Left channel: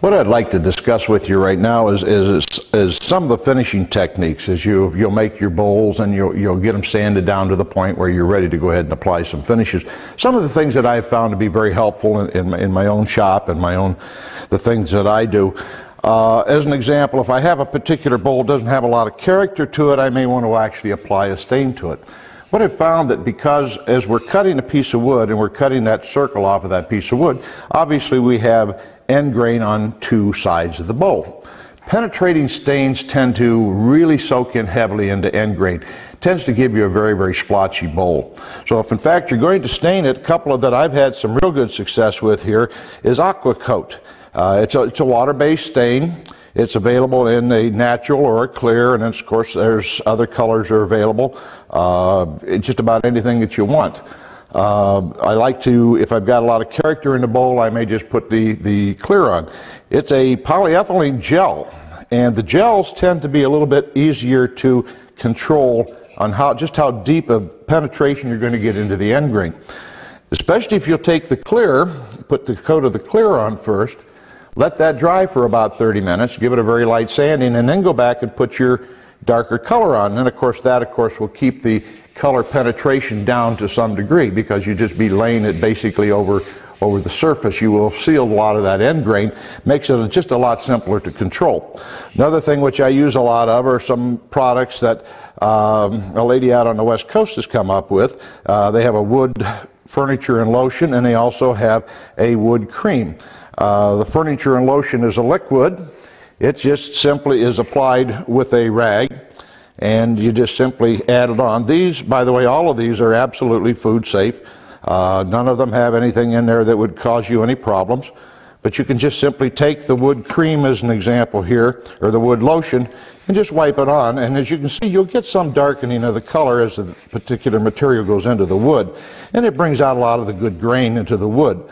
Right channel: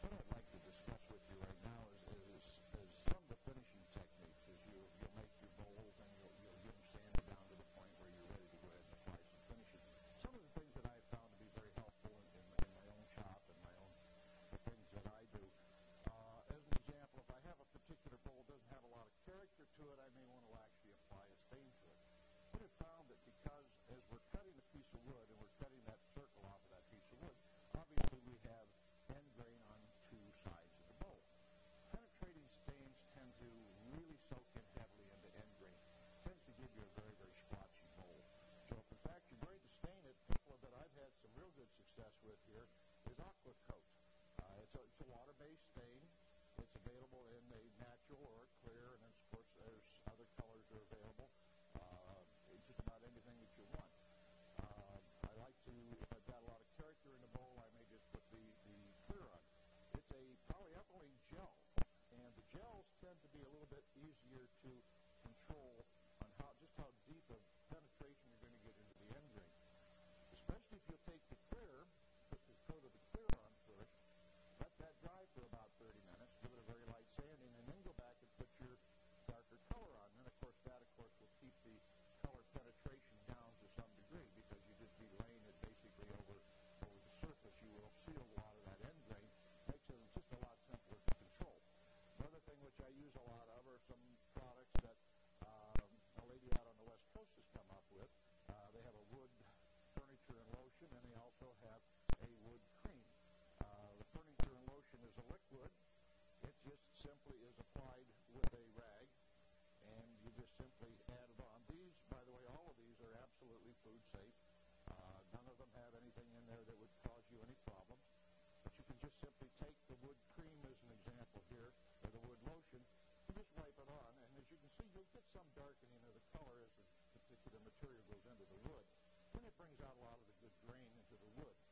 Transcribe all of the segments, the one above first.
What I'd like to discuss with you right now is some of the finishing techniques as you'll make your bowls and you'll get them sanded down to the point where you're ready to go ahead and apply some finishes. Some of the things that I've found to be very helpful in my own shop and the things that I do. As an example, if I have a particular bowl that doesn't have a lot of character to it, I may want to actually apply a stain to it. What I've found that because as we're cutting a piece of wood and we're cutting that circle off of that piece of wood, obviously we have end grain on two sides of the bowl. Penetrating stains tend to really soak in heavily into end grain. It tends to give you a very, very splotchy bowl. So if in fact you're going to stain it, a couple of that I've had some real good success with here is Aqua Coat. It's a water-based stain. It's available in a natural or a clear, and then of course there's other colors are available. It's just about anything that you want. I like to, if I've got a lot of character in the bowl, I may just put the clear on. It's a polyethylene gel, and the gels tend to be a little bit easier to control on just how deep of penetration you're going to get into the end grain. Especially if you'll take the clear, put the coat of the clear on first, let that dry for about 30 minutes, give it a very light sanding, and then go back and put your darker color on. And then of course that will keep the color penetration down to some degree, because you just be laying it basically over the surface. You will seal a lot of that end grain, makes it just a lot simpler to control. Another thing which I use a lot of are some products that a lady out on the West Coast has come up with. They have a wood furniture and lotion, and they also have a wood cream. The furniture and lotion is a liquid. It just simply is applied with a rag, and you just simply add it on. These, by the way, all of these are absolutely food safe. None of them have anything in there that would cause you any problems. But you can just simply take the wood cream as an example here, or the wood lotion, and just wipe it on. And as you can see, you'll get some darkening of the color as the particular material goes into the wood. And it brings out a lot of the good grain into the wood.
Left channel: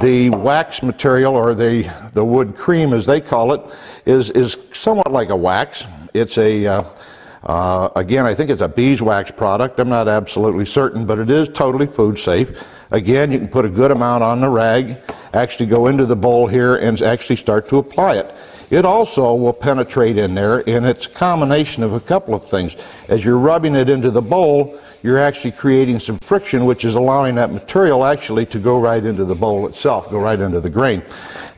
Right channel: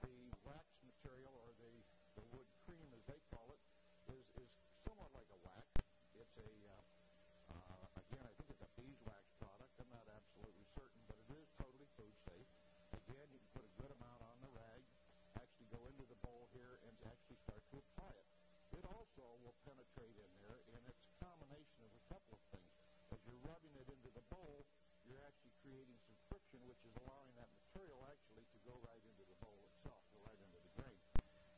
The wax material, or the wood cream as they call it, is somewhat like a wax. It's a again, I think it's a beeswax product. I'm not absolutely certain, but it is totally food safe. Again, you can put a good amount on the rag, actually go into the bowl here and actually start to apply it. It also will penetrate in there, and it's a combination of a couple of things. As you're rubbing it into the bowl, you're actually creating some friction, which is allowing that material actually to go right into the bowl itself, go right into the grain.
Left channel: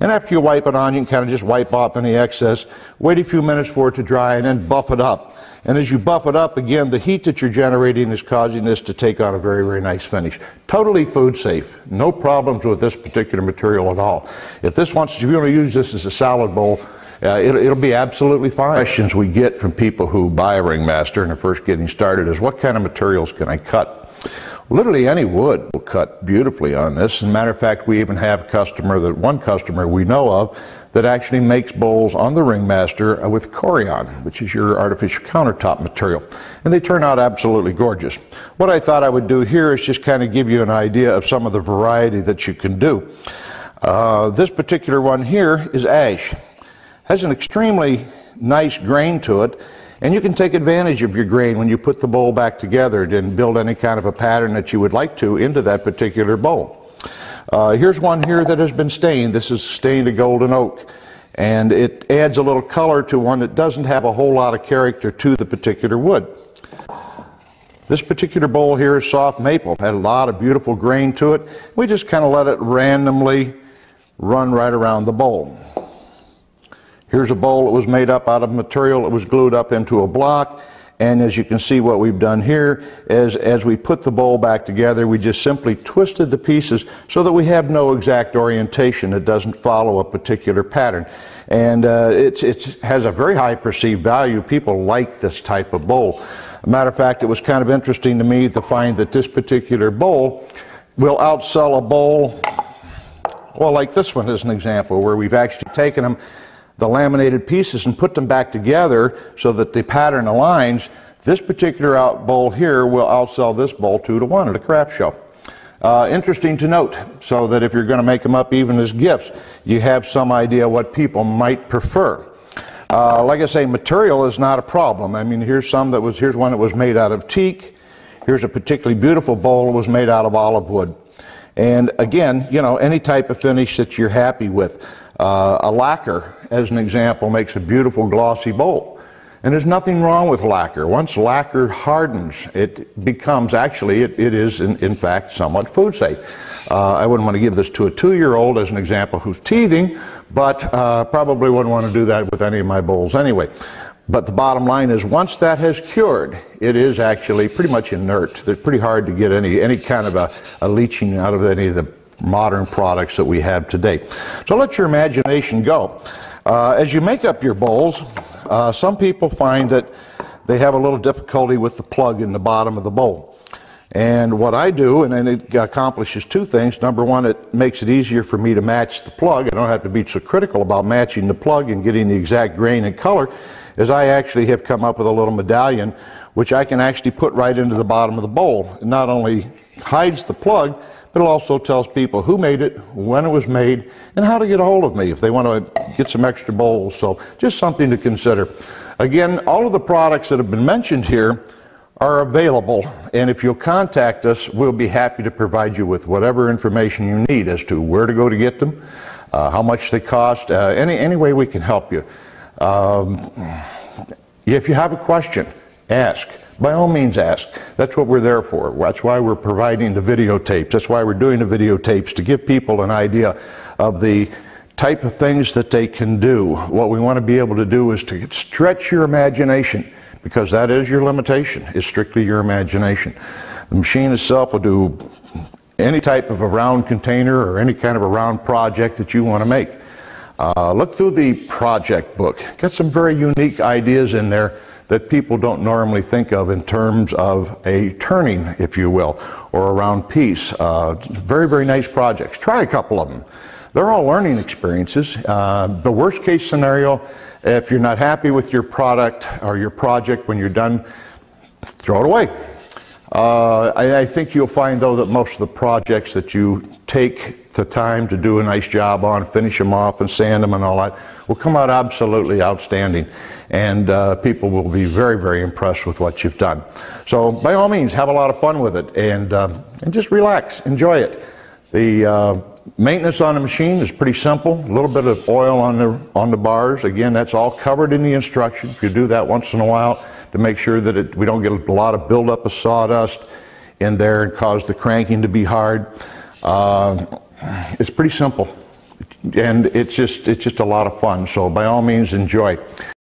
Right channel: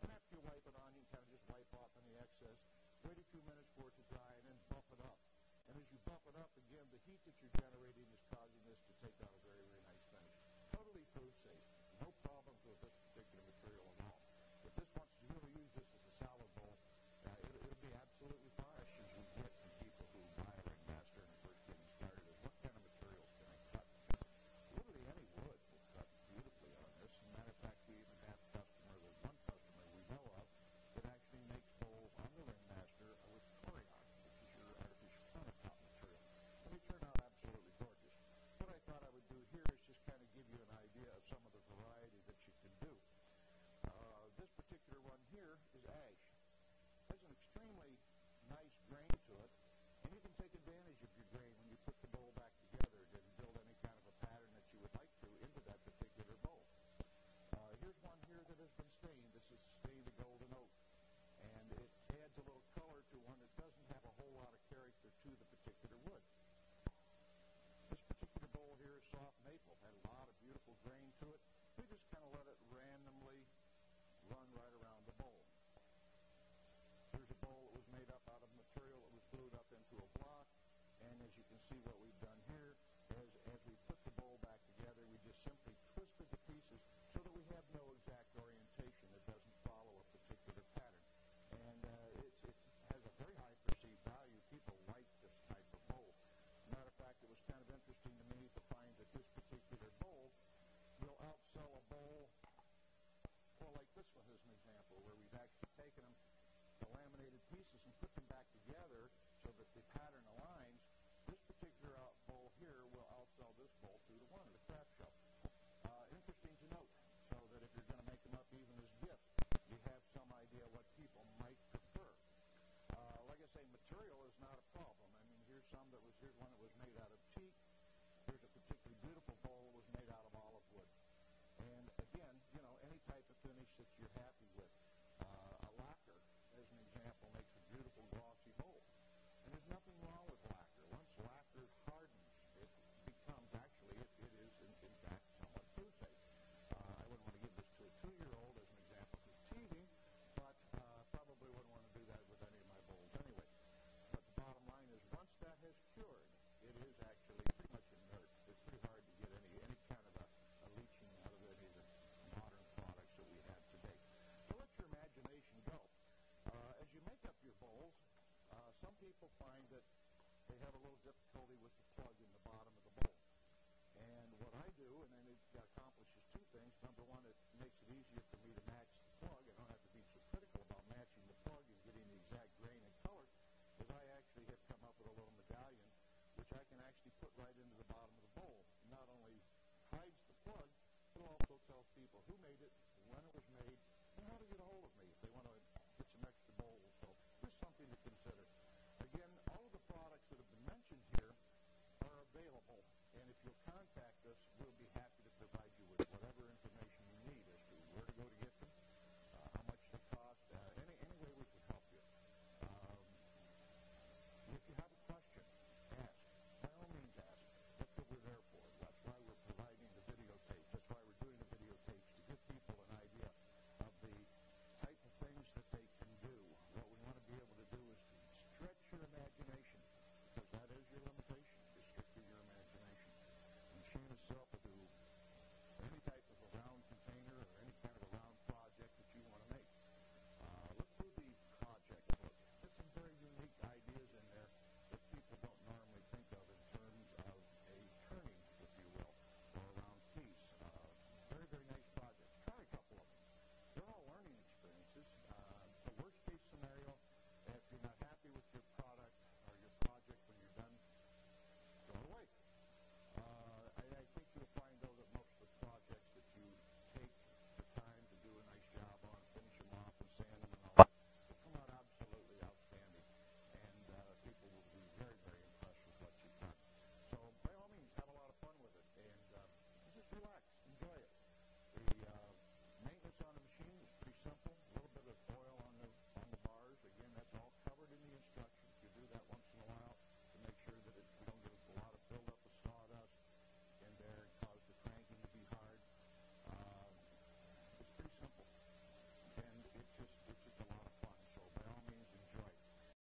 And after you wipe it on, you can kind of just wipe off any excess, wait a few minutes for it to dry, and then buff it up. And as you buff it up, again, the heat that you're generating is causing this to take on a very, very nice finish. Totally food safe. No problems with this particular material at all. If you want to use this as a salad bowl, it'll be absolutely fine. Questions we get from people who buy a Ringmaster and are first getting started is, what kind of materials can I cut? Literally any wood will cut beautifully on this. As a matter of fact, we even have one customer we know of that actually makes bowls on the Ringmaster with Corian, which is your artificial countertop material. And they turn out absolutely gorgeous. What I thought I would do here is just kind of give you an idea of some of the variety that you can do. This particular one here is ash. Has an extremely nice grain to it, and you can take advantage of your grain when you put the bowl back together and build any kind of a pattern that you would like to into that particular bowl. Here's one here that has been stained. This is stained a golden oak, and it adds a little color to one that doesn't have a whole lot of character to the particular wood. This particular bowl here is soft maple. Had a lot of beautiful grain to it. We just kind of let it randomly run right around the bowl. Here's a bowl that was made up out of material that was glued up into a block, and as you can see, what we've done here is, as we put the bowl back together, we just simply twisted the pieces so that we have no exact orientation. It doesn't follow a particular pattern, and it has a very high perceived value. People like this type of bowl. As a matter of fact, it was kind of interesting to me to find that this particular bowl will outsell a bowl, well, like this one is an example, where we've actually taken them, the laminated pieces, and put them back together so that the pattern aligns. This particular bowl here will outsell this bowl 2 to 1 at a craft show. Interesting to note, so that if you're going to make them up even as gifts, you have some idea what people might prefer. Like I say, material is not a problem. I mean, here's one that was made out of teak. Here's a particularly beautiful bowl that was made out of olive wood. And again, you know, any type of finish that you're happy with. A lacquer, as an example, makes a beautiful glossy bowl. And there's nothing wrong with lacquer. Once lacquer hardens, it becomes, actually, it is in fact somewhat food safe. I wouldn't want to give this to a 2-year-old as an example who's teething, but probably wouldn't want to do that with any of my bowls anyway. But the bottom line is, once that has cured, it is actually pretty much inert. It's pretty hard to get any kind of a leaching out of any of the modern products that we have today. So let your imagination go. As you make up your bowls, some people find that they have a little difficulty with the plug in the bottom of the bowl. And what I do, and it accomplishes 2 things. Number one, it makes it easier for me to match the plug. I don't have to be so critical about matching the plug and getting the exact grain and color, as I actually have come up with a little medallion which I can actually put right into the bottom of the bowl. It not only hides the plug, but it also tells people who made it, when it was made, and how to get a hold of me if they want to get some extra bowls. So just something to consider. Again, all of the products that have been mentioned here are available, and if you'll contact us, we'll be happy to provide you with whatever information you need as to where to go to get them, how much they cost, any way we can help you. If you have a question, ask. By all means ask. That's what we're there for. That's why we're providing the videotapes. That's why we're doing the videotapes, to give people an idea of the type of things that they can do. What we want to be able to do is to stretch your imagination, because that is your limitation, is strictly your imagination. The machine itself will do any type of a round container or any kind of a round project that you want to make. Look through the project book. Got some very unique ideas in there that people don't normally think of in terms of a turning, if you will, or a round piece. Very, very nice projects. Try a couple of them. They're all learning experiences. The worst case scenario, if you're not happy with your product or your project when you're done, throw it away. I think you'll find, though, that most of the projects that you take the time to do a nice job on, finish them off and sand them and all that, will come out absolutely outstanding. And people will be very, very impressed with what you've done. So by all means, have a lot of fun with it, and just relax, enjoy it. The maintenance on the machine is pretty simple. A little bit of oil on the bars. Again, that's all covered in the instructions. You do that once in a while to make sure that we don't get a lot of buildup of sawdust in there and cause the cranking to be hard. It's pretty simple, and it's just a lot of fun. So by all means, enjoy.